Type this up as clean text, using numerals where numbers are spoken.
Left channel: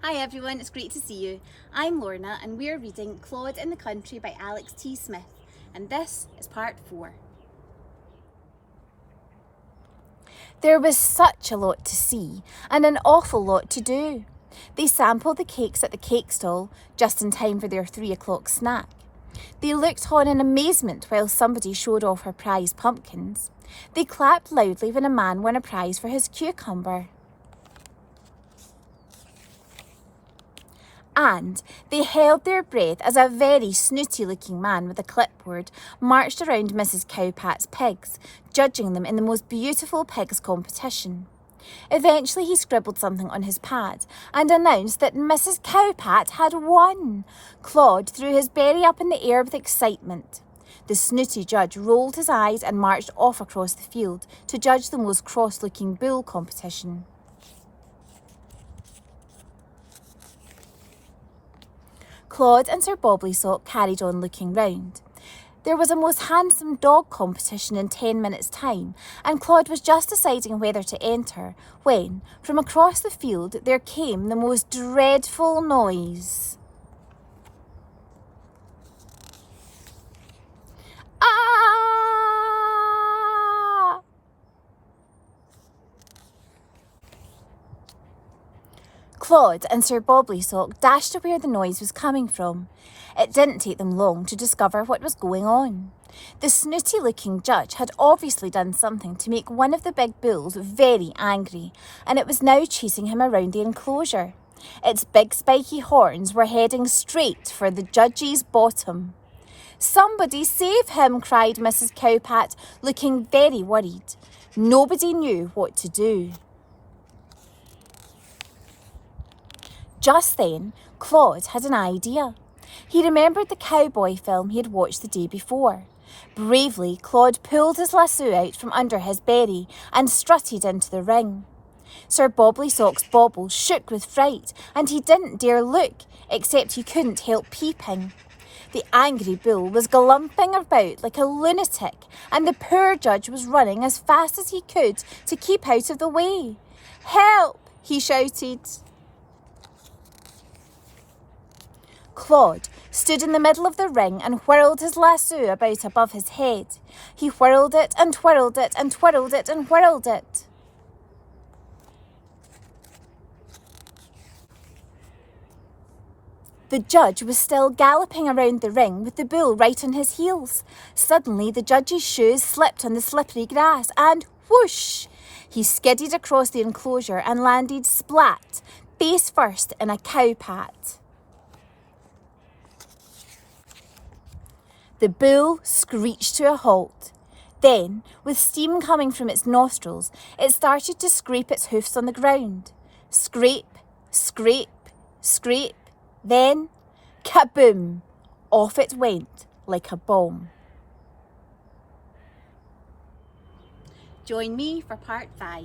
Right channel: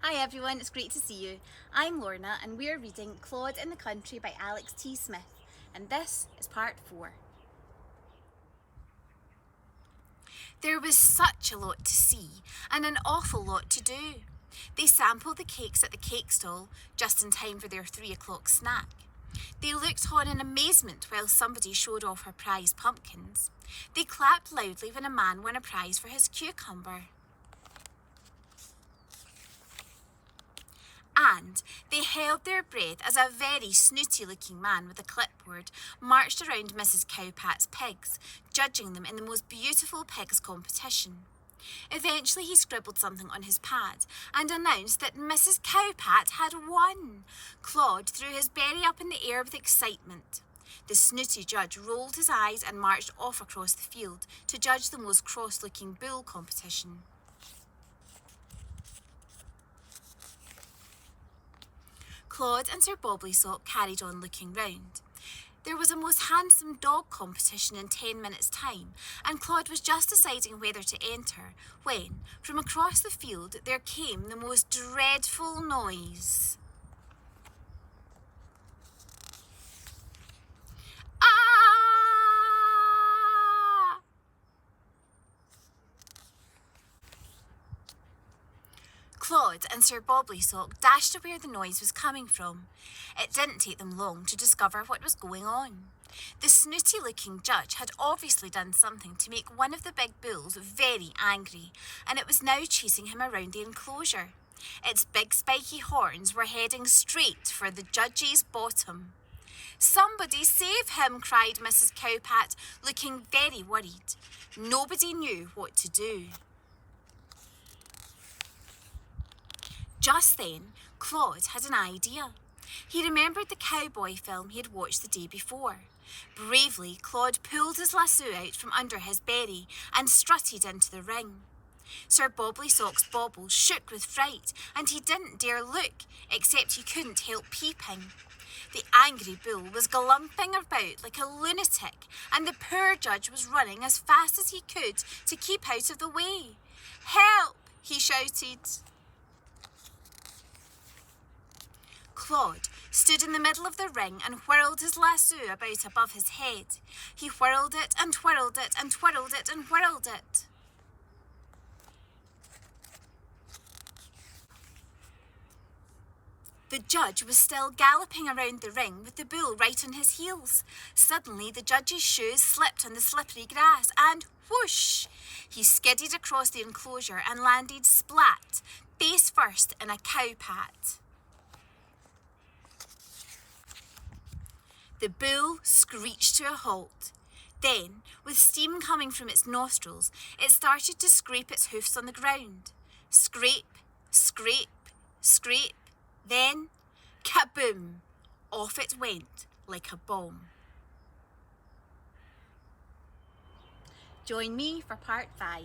Hi everyone, it's great to see you. I'm Lorna and we're reading Claude in the Country by Alex T. Smith, and this is part 4. There was such a lot to see and an awful lot to do. They sampled the cakes at the cake stall just in time for their 3 o'clock snack. They looked on in amazement while somebody showed off her prize pumpkins. They clapped loudly when a man won a prize for his cucumber. And they held their breath as a very snooty-looking man with a clipboard marched around Mrs. Cowpat's pigs, judging them in the most beautiful pigs competition. Eventually he scribbled something on his pad and announced that Mrs. Cowpat had won. Claude threw his berry up in the air with excitement. The snooty judge rolled his eyes and marched off across the field to judge the most cross-looking bull competition. Claude and Sir Bobblysock carried on looking round. There was a most handsome dog competition in 10 minutes' time, and Claude was just deciding whether to enter when, from across the field, there came the most dreadful noise. Ah! Claude and Sir Bobblysock dashed to where the noise was coming from. It didn't take them long to discover what was going on. The snooty-looking judge had obviously done something to make one of the big bulls very angry, and it was now chasing him around the enclosure. Its big spiky horns were heading straight for the judge's bottom. "Somebody save him!" cried Mrs. Cowpat, looking very worried. Nobody knew what to do. Just then, Claude had an idea. He remembered the cowboy film he had watched the day before. Bravely, Claude pulled his lasso out from under his berry and strutted into the ring. Sir Bobblysock's bauble shook with fright, and he didn't dare look, except he couldn't help peeping. The angry bull was galumping about like a lunatic, and the poor judge was running as fast as he could to keep out of the way. "Help!" he shouted. Claude stood in the middle of the ring and whirled his lasso about above his head. He whirled it and twirled it and twirled it and whirled it. The judge was still galloping around the ring with the bull right on his heels. Suddenly the judge's shoes slipped on the slippery grass and whoosh! He skidded across the enclosure and landed splat, face first in a cowpat. The bull screeched to a halt. Then, with steam coming from its nostrils, it started to scrape its hoofs on the ground. Scrape, scrape, scrape. Then, kaboom! Off it went like a bomb. Join me for part 5.